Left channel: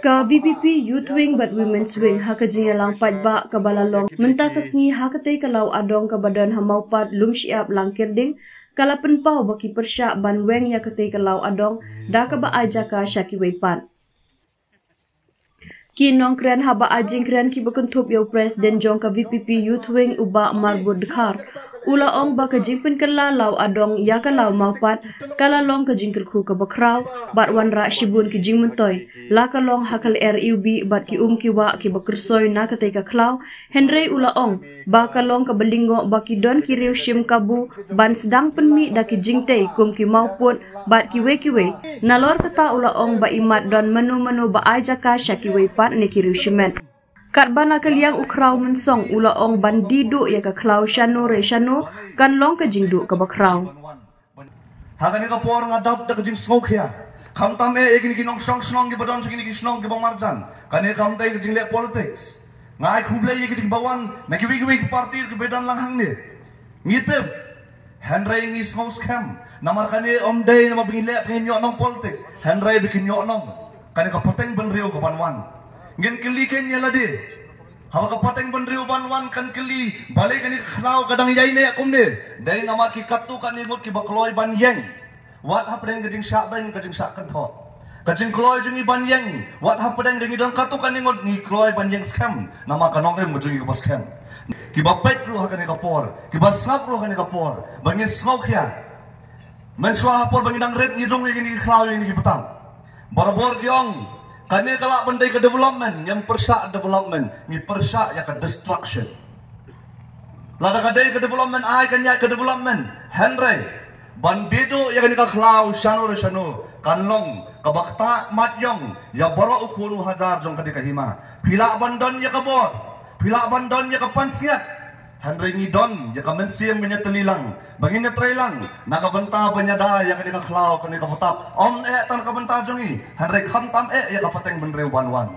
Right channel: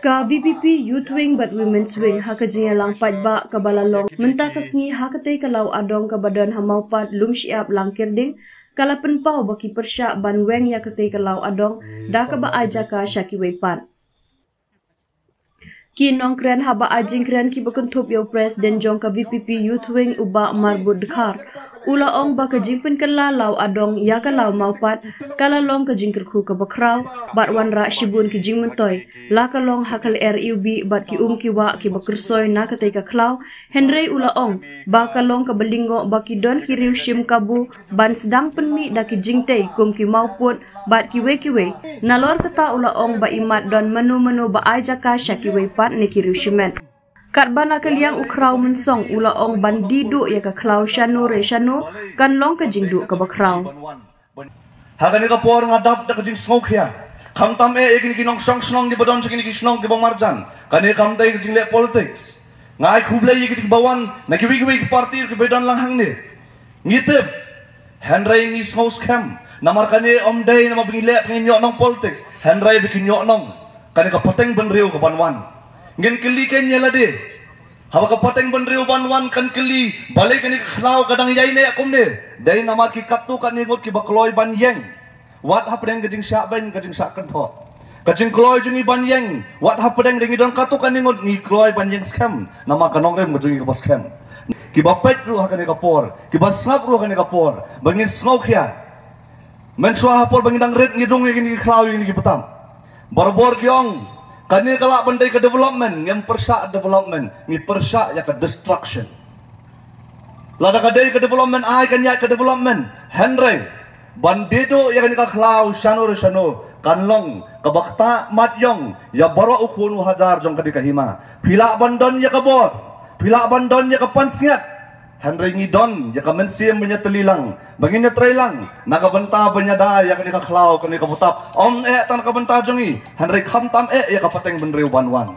Ka VPP Youth Wing but Women's Wing hakajinga lang pajba kabalalong menta kasngi hakatay kalaw adong kabadan hamaupat lumsiap lang kirding kalapan pau baki persya banweng ya katay kalaw adong da kaba aja ka syakiwaipan. Kinong kren haba ajing kren ki bakuntup yaw Presiden jong ka VPP Youth Wing uba marbud dekhar ula ong ba kajing penkala law adong ya kalaw maupat kalalong kajing kerku ka bakraw bat wanra shibun kijing mentoy la kalong hakal RUB bat ki kiwa ki bakursoy na katay ka klaw Henry ula ong ba kalong ka balingo ba ki don ki riu shim kabu ban sedang penmi da ki jingtay kum ki maupun bat kiwe nalor kata ula ong ba imat don menu ba aja ka syakiwe pat ni ki riu shimen. Kat bana kaliang ukraw mensong ula ong bandidu ya ka klaw shanu re shanu kan long ka jingdu ka bakraw. Hagani ka por ngadap da ka jing smoke ya. Kam tam egin kinong song di badon segini ki snong ki bang marjan. Kani kam dai jing le politics. Ngai khuble yi ki bawan na ki wi party ki bedon lang hang ni. Ngitep Henry ngi house cam namar kani om dai na mabile kani nyok nong politics. Henry bikin nyok nong. Kani ka poteng benriu ka banwan. Ngin kili kenya lade. Hawa ka poteng benriu banwan kan kili balik kani khlaw kadang yai ne akum ne. Dai namar ki katu kan ni ngut ki bakloy ban yeng. Wat hapdeng kajing syak ben kajing syak kentho. Kajing kloy jungi ban yeng. Wat hapdeng dengi don katu kan ni ngut ni kloy ban yeng scam. Nama kanong rem jungi ka scam. Ki bapet ru hakane kapor. Ki basap ru hakane kapor. Bangin smoke ya. Men swa hapor bangin dang red ngidung ni khlaw ni ki petang. Barbor gyong kani kala bandai ke development yang persak development ni persak ya ke destruction. Lada kadai ke development ai kan ya ke development Henry bandido ya kan ka klau shano kanlong kabakta matyong ya baro ukuru hajar jong kadi kahima pila bandon ya kabor pila bandon ya kapansiat Henry ngidon ya ka mensiam punya telilang bangin ya trailang nakabenta penyada ya kani ka klau kani ka putap om tan ka benta jongi Henry khamtam ya ka pateng benriu banwan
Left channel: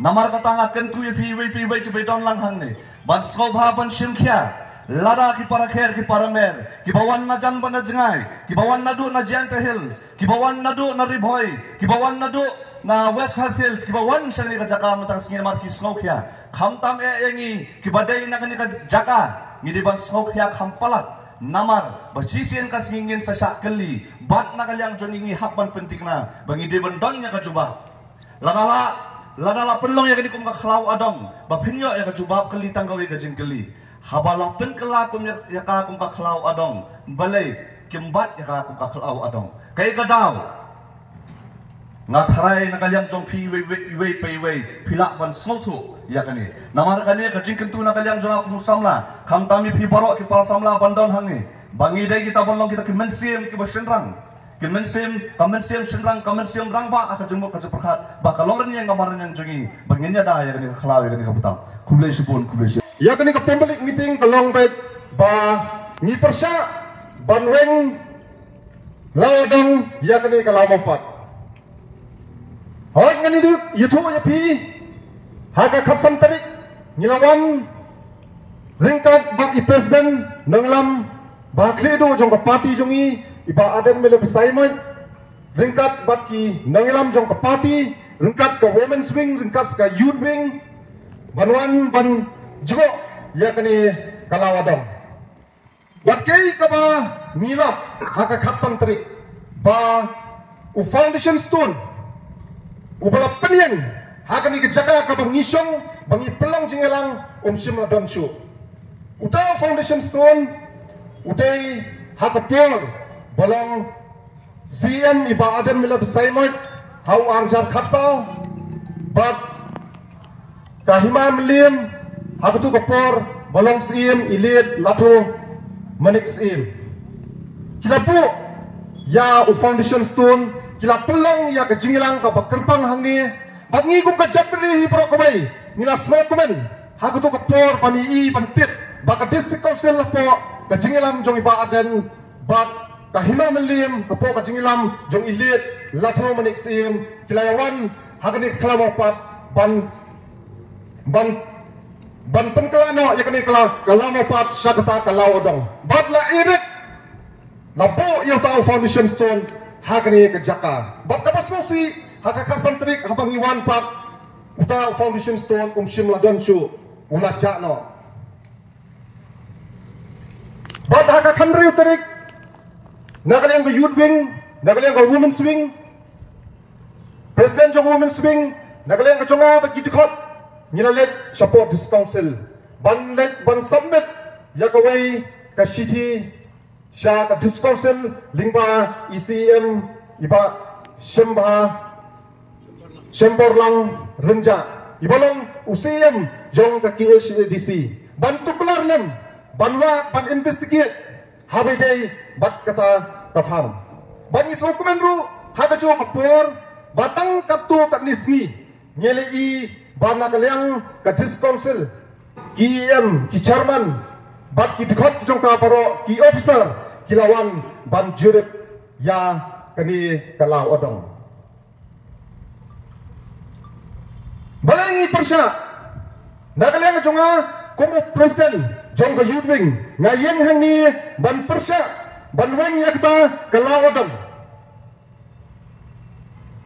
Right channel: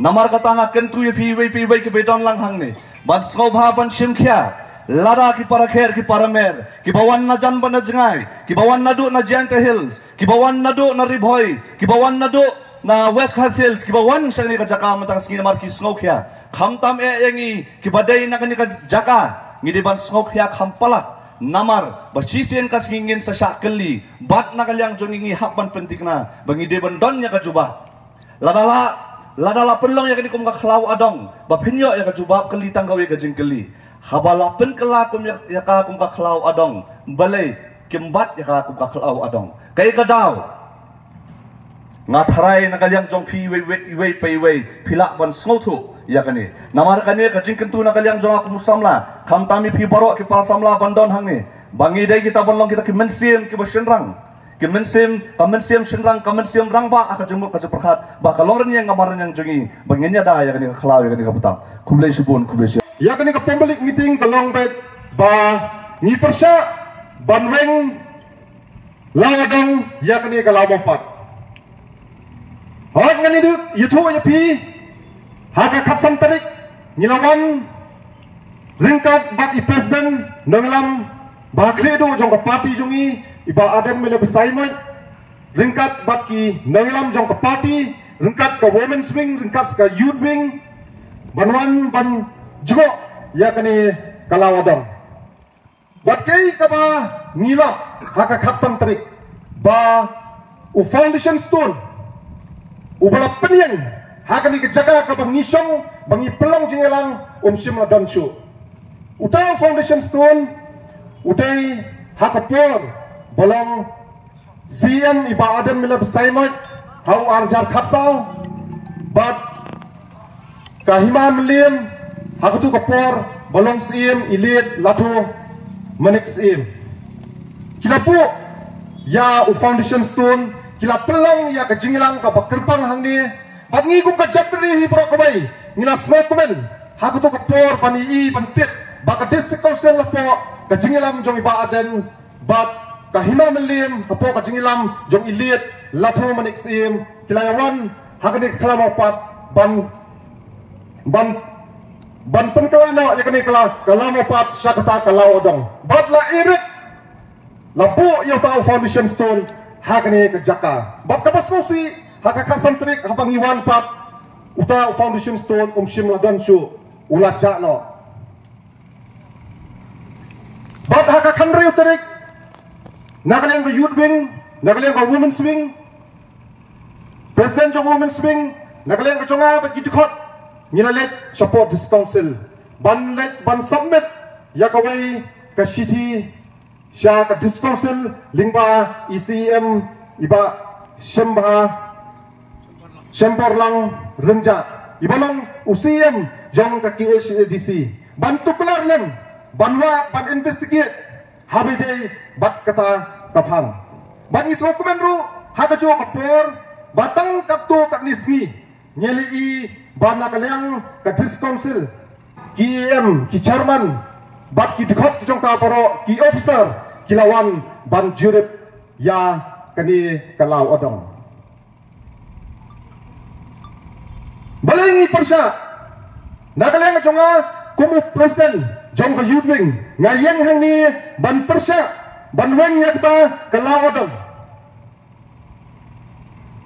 namar kata ngaken tu pi ke bedon lang hang ni ban sobha ban simkhya lada ki para kher ki para mer ki bawan na jan ban jengai ki bawan na du na Giant Hills ki bawan na du na Ribhoy ki bawan na du na West Hills ki bawan sang ni ka jaka matang singin mar ki smoke ya khamtam yangi ki badai na kani ka jaka ngidi ban smoke ya khampala namar basisien ka singin sa syakeli bat na kalyang jongingi hakban pentikna bangi de ban don ya ka jubah ladala penlong ya kani kum ka khlaw adong bapinyo ya ka jubah keli tanggawi ka jingkeli habala pen kala kum ya ka kum ka khlaw adong balai kimbat ya ka kum ka khlaw adong kai ka daw ngatarai nakalyang jong pi wei pilak ban snotu ya kani namar kani kajing kentu nakalyang jong aku musamla kam tami pi barok ki pal samla bandon hang ni bangi dai kita bonlong kita ki mensim ki bersenrang ki mensim senrang kamensim rang ba aka jembuk ka perhat ba kalong ren yang kamaran yang jongi banginya da ya kani ka khlaw ya kani ka putam kublai subun kublai ya kani ka public meeting kalong bet ba ni persya banweng lawadeng ya kani ka lamopat Hak ngani duk yuto ya pi haka khatsam tarik nyawan ringkat bak i president nanglam bakri do jong parti jongi iba aden mele besaimat ringkat bak ki nanglam jong parti ringkat ka women's wing ringkat ka youth wing banwan ban jo ya kani kalawadang bat kai ka ba ngilap haka khatsam tarik ba u foundation stone ubala penyeng hakani kejaga ke bangisong bangi pelong jingelang simla donsu utang foundation stone utai hakapior balong zian iba adam mila besaimat hau arjar khasau bat kahima million hakatu kapor balong sim ilit lato manik sim kilapu ya u foundation stone kila pelong ya kejingilang ka bakerbang hang ni bat ngi ku ka jabri hi pro kabai ngila smokemen haku to kapor bani i bantit ba ka district council po kejingilang jong iba aden bat ka hima million po kejingilang jong ilit latho manik sim kila yawan hakani kala pat ban penkalana ya kani kala pat syakata kala odong bat la irik la po yung tao foundation stone hakani ke jaka bat kabas mo si hakakasan trik habang iwan pat uta foundation stone shim ladon chu ulat no bat hakakan reu trik nagalang ke youth wing nagalang ke women's wing president jong women's wing nagalang ke chonga ba kitikot nilalet support this council ban submit yakaway ka city sya ka this council lingba ECM iba Sembor lang renja ibalong UCM jong ka KHDC bantu kelar lem banwa ban investigate habi day bat kata kafang ban ismo kumenro haka jo kapor batang katu katnisngi nyele i bana kalyang ka this council KM ki chairman bat ki dikhat jong ka paro ki officer kilawan ban jurip ya kani kalau odong balangi persya nagalang jonga kumu presiden jong ka yudwing ngayen hang ni ban persya ban wang yakta kalau odong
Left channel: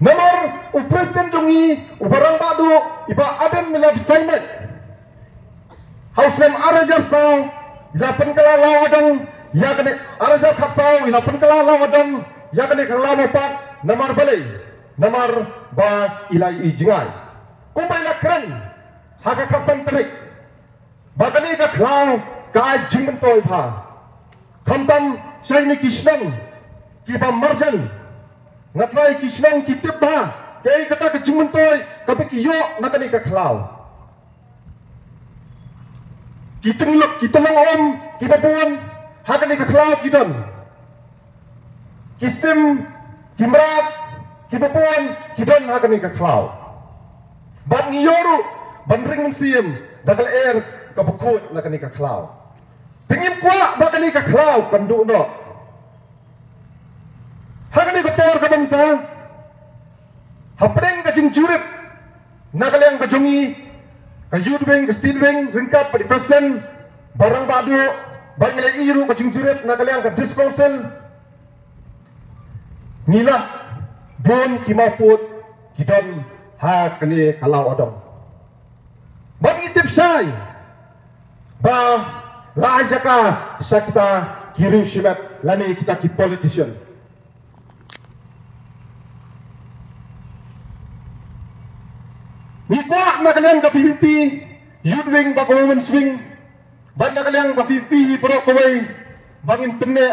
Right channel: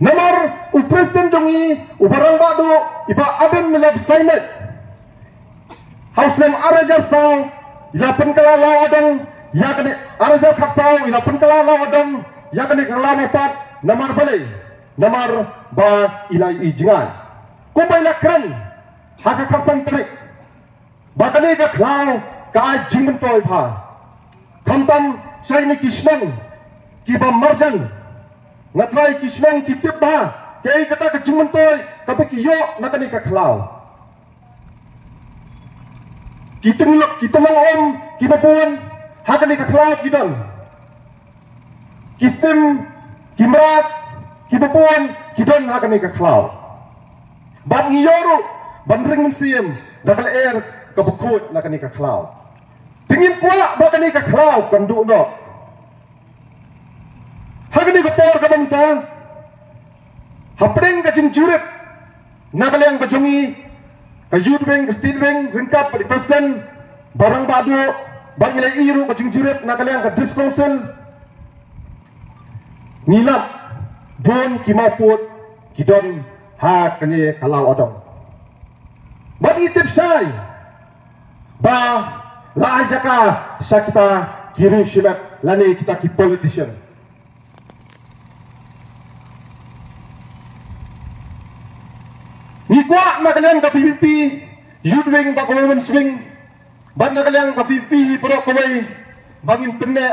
namar u presiden jongi u barang badu iba adam milab saimet hausem arajar sang ilapan kala lawadang yakane arajar khapsang ilapan kala lawadang yakane kala pat namar balai namar ba ilai ijngai kumay lakran hakakasan trik bakane ka klau ka jingman toy pa kamtam shayni kishnan ki ba marjan ngatrai kishnan ki tibba kay kata ka jingman toy ka bikiyo nakani ka klau kitulong om kibabuan hakani ka klau kidon kisim kimrat kibabuan kidon hakani ka klau ban ngiyoro ban ring museum dakal air kabukut nakani ka klau pingin kuwa nakani ka klau kandu no hagani ka por ka banta hapring ka jingjuret nakalang ka jongi ka youth wing ka steel wing ringkap di present barang badu bang ilay iru ka jingjuret nakalang ka this council nila don kimaput kidon ha kini kalau adong bagi tips saya ba la jaka sakita kiri shimat lani kita ki politician ni kwa nagalang ka PPP youth wing ba women's wing ban nagalang ka PPP bro kawai bangin penne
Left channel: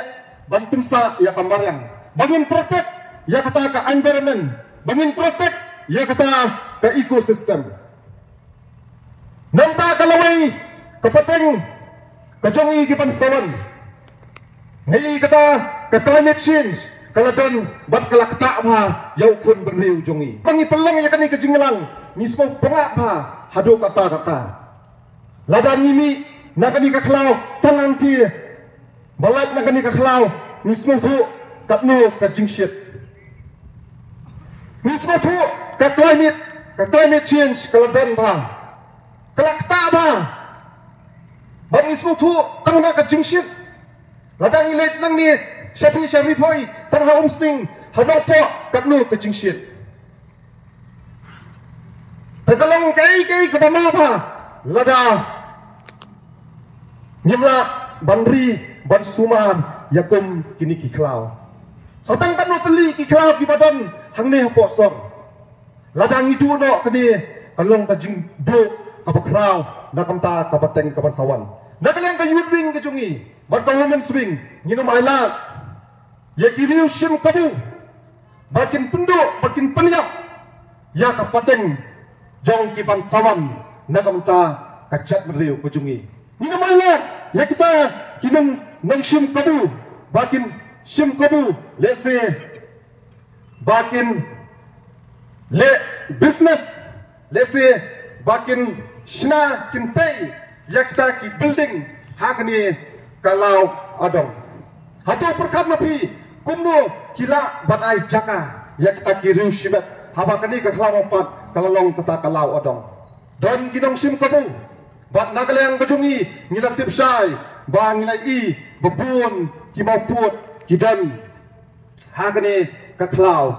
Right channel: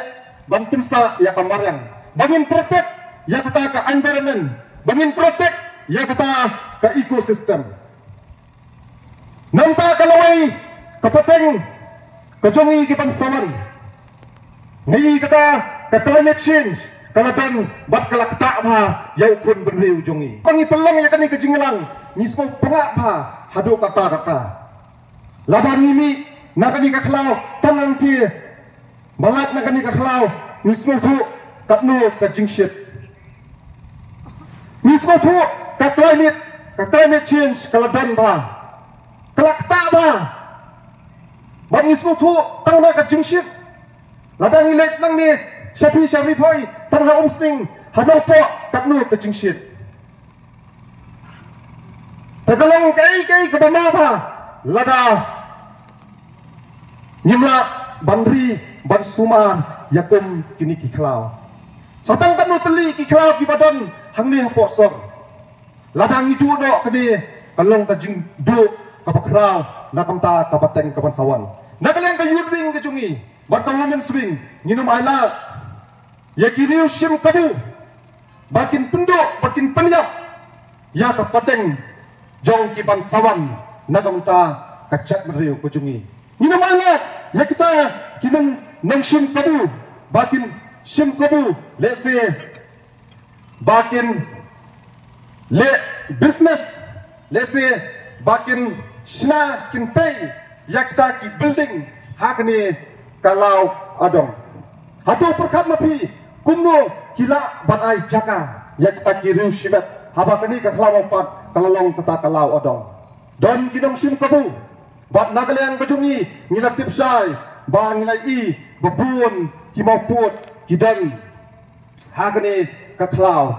ban pinsa ya kamarang bangin protect ya kata ka environment bangin protect ya kata ke ekosistem namta kalaway kapateng kajongi kipansawan ngayi kata ke climate change kalaban bat kalakta ba ya kun berniu jongi pangipelang ya kani kajinglang mismo pengak ba hado kata laban nimi nakani kaklau tangang ti balat nakani kaklau mismo tu katno kajingshit mismo tu ka climate change kalaban ba kalakta ba mismo tu tang na ka jingship ladang ilet nang ni sapi syari phoi tang ha umsting hanok to katno ka jingship takalang kai ka bana ba lada nyimla banri ban suman yakum kini kiklau satang katno teli kiklau ki badan hangne haposor ladang itu do kini kalong kajing do kabakrau nakamta kapateng kapansawan nakalang ka youth wing kajungi bata women's wing nginum aila ya kiriu shim kabu bakin pundo bakin panyap ya kapateng jong kipansawan nakamta kachat riu kajungi nginum aila ya kita kinung nang shim kabu bakin shim kabu let's say bakin le business let's say bakin shina kintai yakta ki building hakni kalau adong hatu perkat napi kumno kila banai jaka yakta ki riu shimet habakani ka kalau pat kalalong kata kalau adong don kinong sim kabu bat nagalang kajungi ngilak tipsai ba ngilai i bebun ki maput kidan hakni ka kalau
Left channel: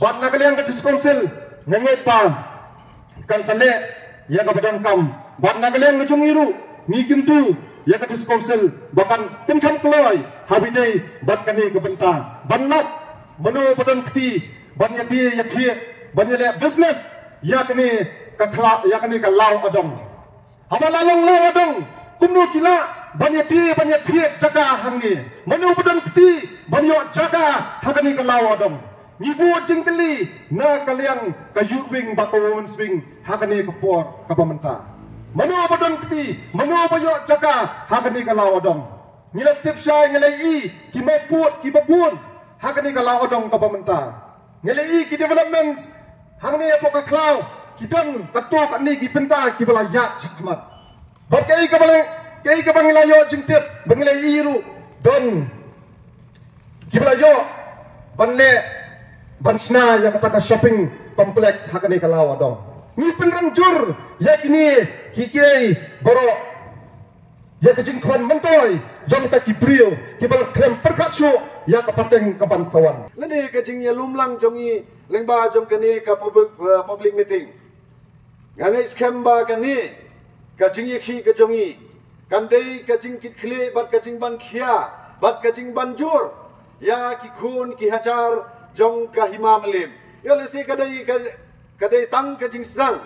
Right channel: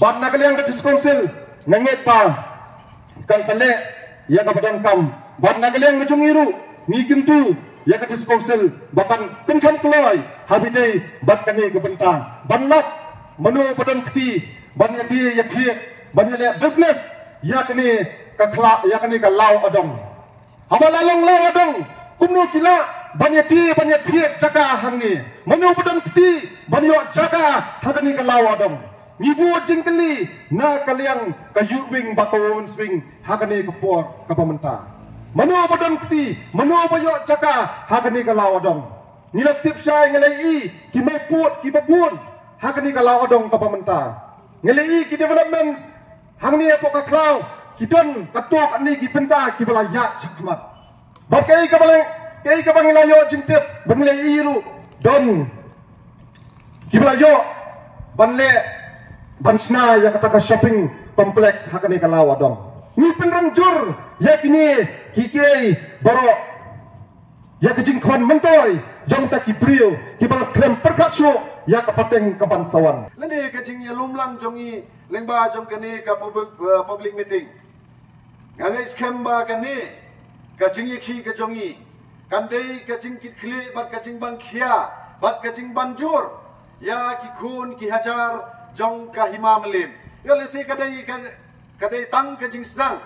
ban nagalian ka council nanget pa kan sale ya ka badan kam ban nagalian ka jungiru ngikin tu ya ka council bahkan pinkan keloi habidai ban kami ke benta ban lap manu badan kti ban yati yati ban yale business ya kini ka khala ya kini ka law adong abalalang lang adong kumni kila banyati jaga hangni manu badan kti banyo jaga hangni ka law adong Ibu jingkeli na kalian kayubing batawin swing hakani kupor kapamenta. Manu badon kti, manu bayo caka hakani kalawadong. Nila tipsya ngelai kimaput kibabun hakani kalawadong kapamenta. Ngelai ki developments hangni apo kaklaw kidon katuk ani kipenta kibalaya sakmat. Bakai kabanglayo jingtip banglai ru don kibalayo banle Bansna yang kata shopping kompleks hakani kalawa dong. Ni penranjur yakini kiki boro ya kejing kwan mentoy jong ta kibrio kibal krem perkatsu ya kapateng kabansawan. Lani kejing ya lumlang jongi lengba jong kani ka public meeting. Ngangai scam ba kani kejing yakhi ke jongi kandai kejing kitkhle bat kejing ban khia bat kejing banjur ya ki khun ki hajar jong kahima melim. Ya lesi kadai tang kejing senang.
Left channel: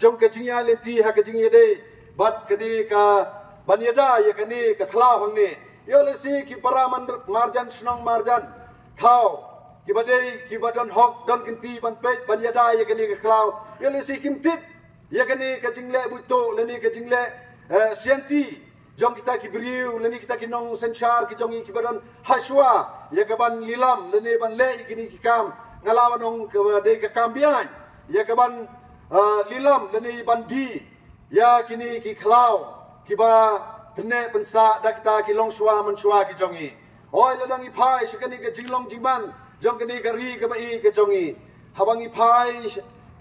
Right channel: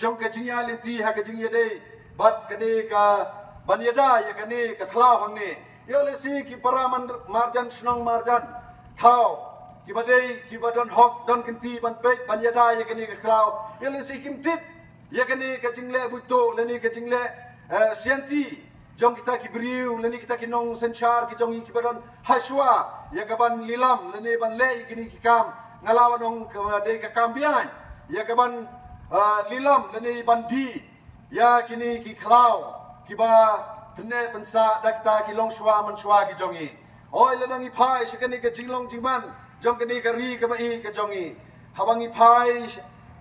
Jong kejing ya lenti ha kejing yade bat kadai ka banyada ya kani ka khla hang ni. Ya lesi ki para marjan senang marjan thau ki badai ki badan hok don kenti ban pej banyada ya kani ka khla. Ya lesi kimtit ya kani kejing le buto leni kejing le sianti jong kita ki beriu leni kita ki nong senchar ki jongi ki badan haswa ya kaban lilam lene ban le ikini kikam ngalawan ong de kakambian ya kaban lilam lene ban di ya kini ki klau kiba pene pensa da kita ki long shwa man shwa ki jongi oi ladang i pai sekani ke jinglong jingban jong kini ka ri ka bai ke jongi habang i pai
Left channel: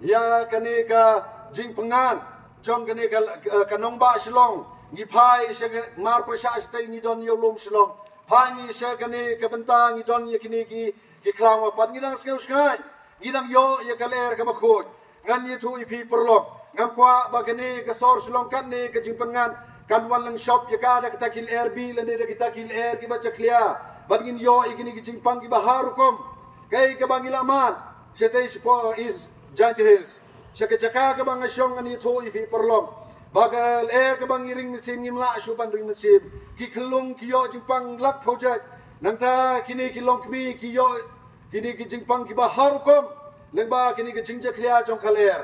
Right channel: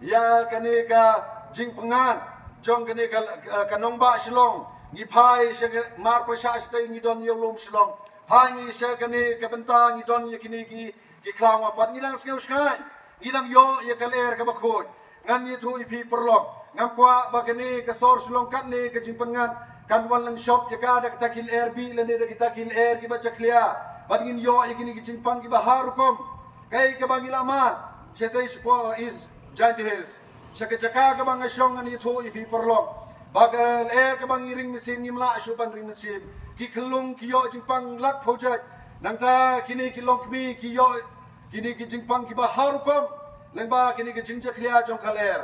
ya kani ka jing pengan jong kini ka nong ba shilong ngi pai se mar prasha stai ngi don yolom shilong Hangi saya kene kebentang idon yakini ki klang apat nginang skeu skai nginang yo ya kaler ka bakut ngan yitu ipi perlok ngam kwa ba kene ka sor sulongkat ne ka jimpengan kan walang shop ya ka da kita kil air bi lene da kita kil air ki baca clear bagin yo ikini ki jimpang ki baharukom kai ka bangila mat setai spo is giant hills sakajaka ka bang asyong ani tu ipi perlok bagal air ke bang iring mesin ngimla syuban ring mesin ki kelung ki yo jingpang lak project nangta kini ki long kmi ki yo kini ki jingpang ki baharukom lengba kini ki jingja khlia jong kaler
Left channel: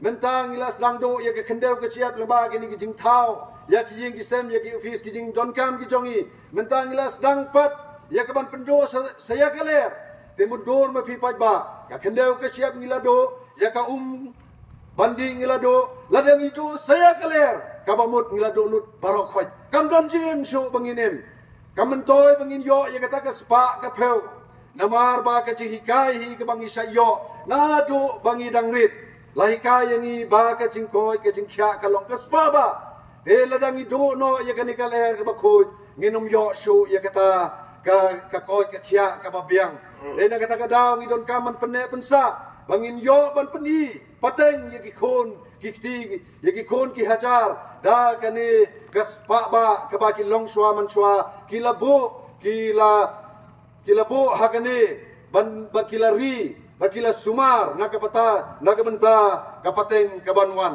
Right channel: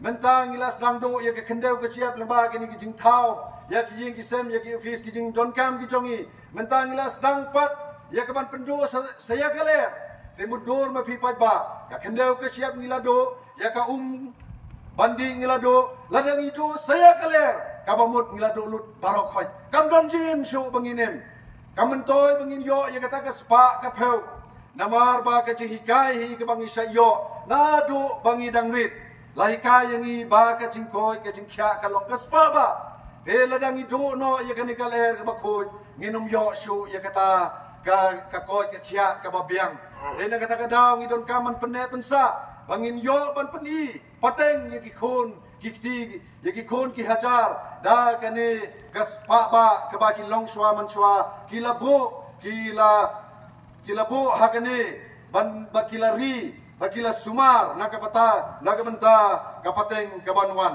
mentang ilas rangdo ya ke kendau ke siap lengba kini ki jing thau ya ki ying ki sem ya ki office ki jing don kam ki jongi mentang ilas dang pat ya ke ban pendo saya kaler temundur me pi pat ba ya kendau ke siap ngilado ya ka banding ngilado ladang itu saya kaler kabamut ngilado lut barok khoj kamdan jim shu banginem kamentoy bangin yo ya kata ke spa ka peu namar ba ka hikai hi ke bangi sayo na do bangi dangrit lahikai yang i ba ka jingkoy ka jingkya ka long ka spa ba te ladang itu no ya kani kaler ka bakhoj nginum yo shu ya kata ka koy ka kya ka babiang te na kata ka daw ngidon kaman pene pensa bangin yo ban peni pateng ye ki khon ki kti ye ki khon ki hajar da kane kas pa ba ka ba ki long shwa man shwa ki labu hakane ban ba ki la ri ba ki la sumar na kapata na kabenta kapateng kabanwan